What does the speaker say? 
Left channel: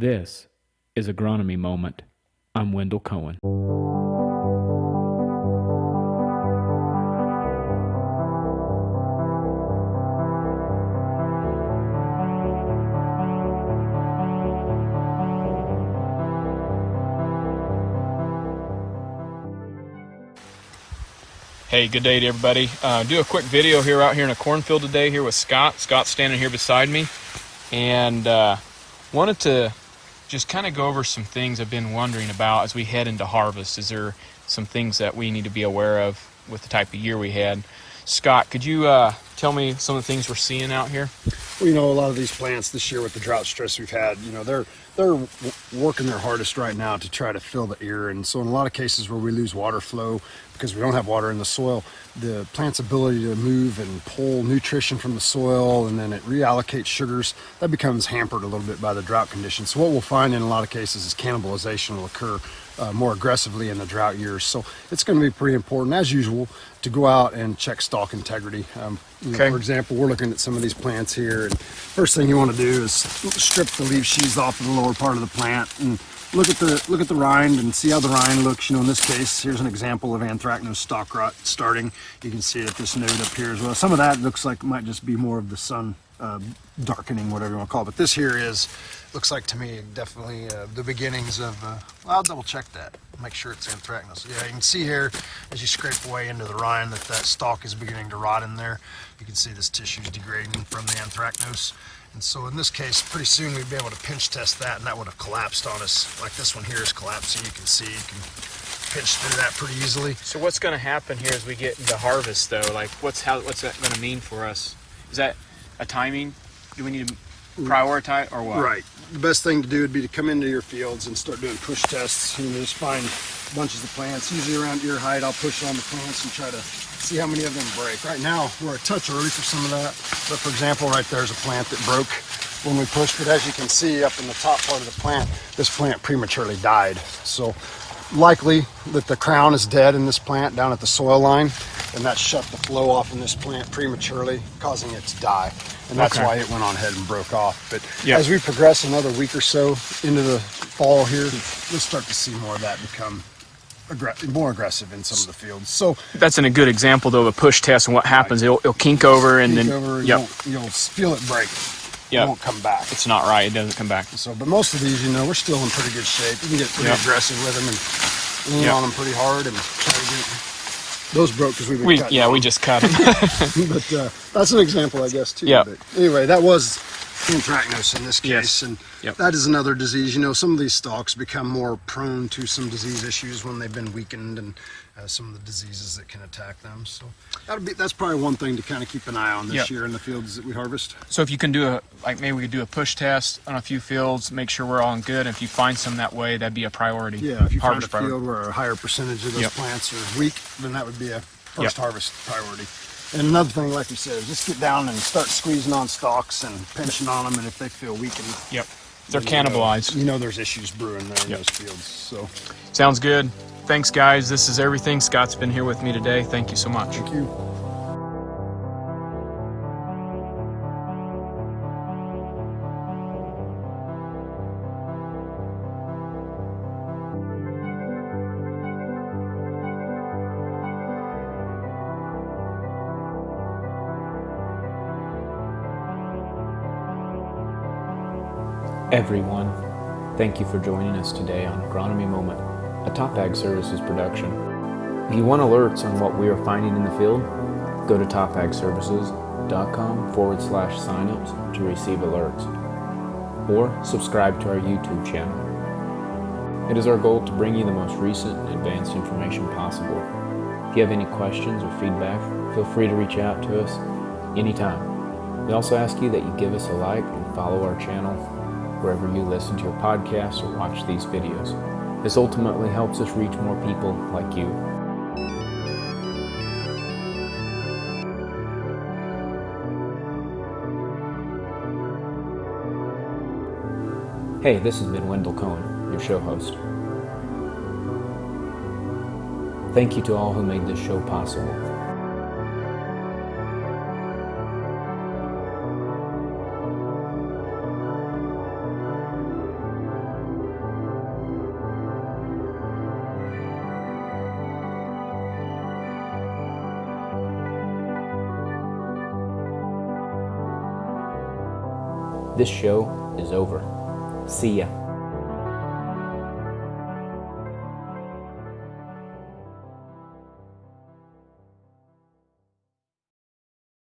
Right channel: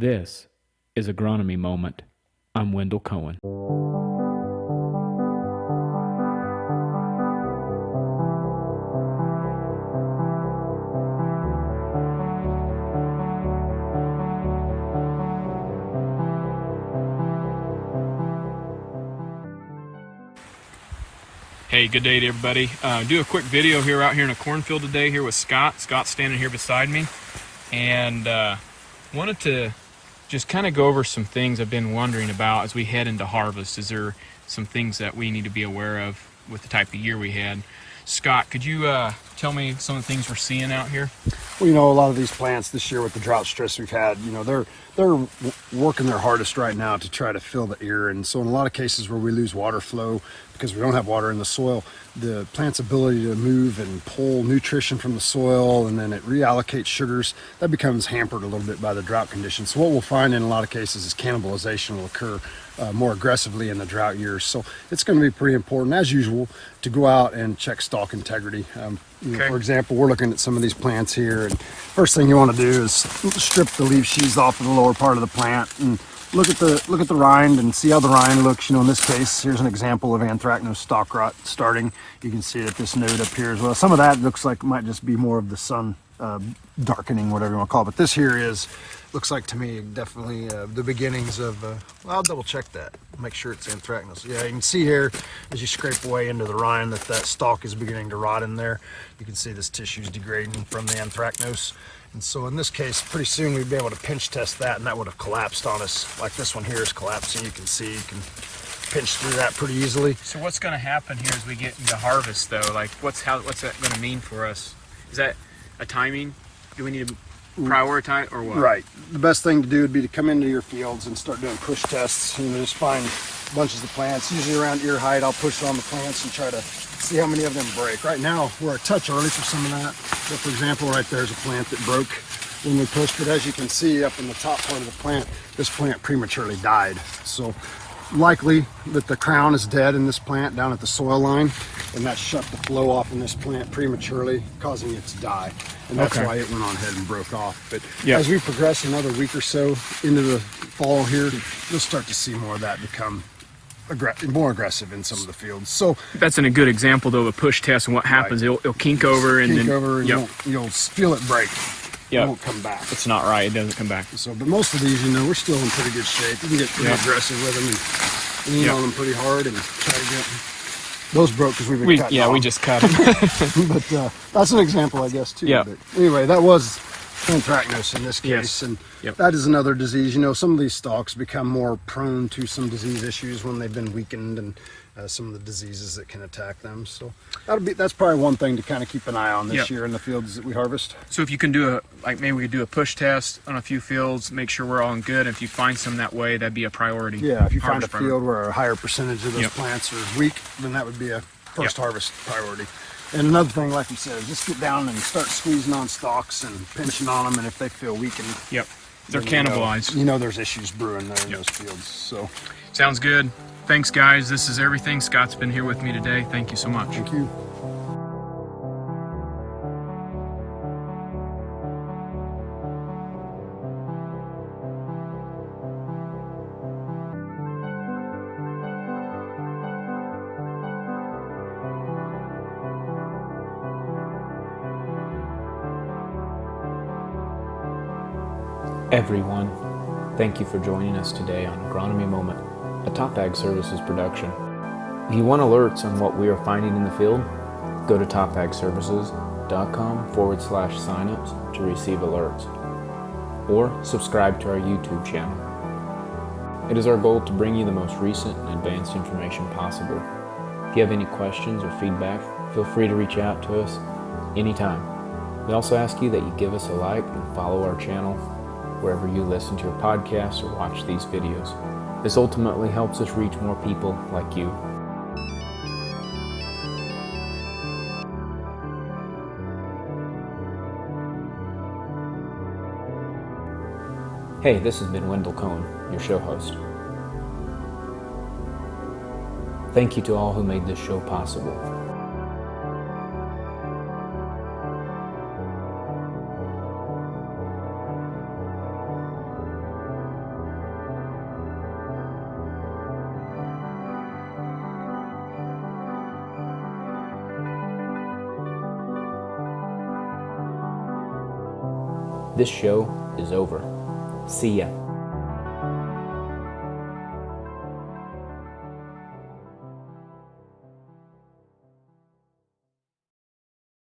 This is Agronomy Moment. I'm Wendell Cohen. Hey, good day to everybody. Do a quick video here out here in a cornfield today here with Scott. Scott's standing here beside me, and wanted to just kind of go over some things I've been wondering about as we head into harvest. Is there some things that we need to be aware of with the type of year we had? Scott, could you tell me some of the things we're seeing out here? Well, a lot of these plants this year with the drought stress we've had, they're working their hardest right now to try to fill the ear. And so in a lot of cases where we lose water flow because we don't have water in the soil, the plant's ability to move and pull nutrition from the soil and then it reallocates sugars, that becomes hampered a little bit by the drought conditions. So what we'll find in a lot of cases is cannibalization will occur more aggressively in the drought years. So it's going to be pretty important, as usual, to go out and check stalk integrity. For example, we're looking at some of these plants here, and first thing you want to do is strip the leaf sheaths off of the lower part of the plant and look at the rind and see how the rind looks. In this case, here's an example of anthracnose stalk rot starting. You can see that this node up here as well. Some of that looks like it might just be more of the sun darkening, whatever you want to call it. But this here looks like to me definitely the beginnings of, well, I'll double check that, make sure it's anthracnose. Yeah, you can see here as you scrape away into the rind that stalk is beginning to rot in there. You can see this tissue is degrading from the anthracnose. And so in this case, pretty soon we'd be able to pinch test that, and that would have collapsed on us. Like this one here is collapsing. You can see, you can pinch through that pretty easily. So what's going to happen here as we get into harvest, though? Like, what's that going to mean for us? Is that a timing? Do we need to prioritize or what? Right. The best thing to do would be to come into your fields and start doing push tests. Just find bunches of plants, usually around ear height. I'll push on the plants and try to see how many of them break. Right now, we're a touch early for some of that. But for example, right there's a plant that broke when we pushed it. As you can see up in the top part of the plant, this plant prematurely died. So likely that the crown is dead in this plant down at the soil line, and that shut the flow off in this plant prematurely, causing it to die. And that's why it went on ahead and broke off. But as we progress another week or so into the fall here, we'll start to see more of that become more aggressive in some of the fields. So that's a good example, though, of a push test and what happens. It'll kink over and then you'll feel it break. It won't come back. It's not right. It doesn't come back. So, but most of these, we're still in pretty good shape. We can get pretty aggressive with them and lean on them pretty hard and try to get. Those broke because we just cut them. But that's an example, I guess, too. Yeah. But anyway, that was anthracnose in this case, and that is another disease. Some of these stalks become more prone to some disease issues when they've been weakened, and some of the diseases that can attack them. So that's probably one thing to kind of keep an eye on this year in the fields that we harvest. So if you can do maybe we could do a push test on a few fields, make sure we're all in good. If you find some that way, that'd be a priority. Yeah, if you find a field where a higher percentage of those plants are weak, then that would be a first harvest priority. And another thing, like you said, is just get down and start squeezing on stalks and pinching on them, and if they feel weakened, they're cannibalized. There's issues brewing there in those fields. So sounds good. Thanks, guys. This is everything. Scott's been here with me today. Thank you so much. Thank you. Everyone, thank you for joining us today on Agronomy Moment, a Top Ag Services production. If you want alerts on what we are finding in the field, go to topagservices.com/signups to receive alerts, or subscribe to our YouTube channel. It is our goal to bring you the most recent and advanced information possible. If you have any questions or feedback, feel free to reach out to us anytime. We also ask you that you give us a like and follow our channel wherever you listen to your podcasts or watch these videos. This ultimately helps us reach more people like you. Hey, this has been Wendell Cohen, your show host. Thank you to all who made this show possible. This show is over. See ya.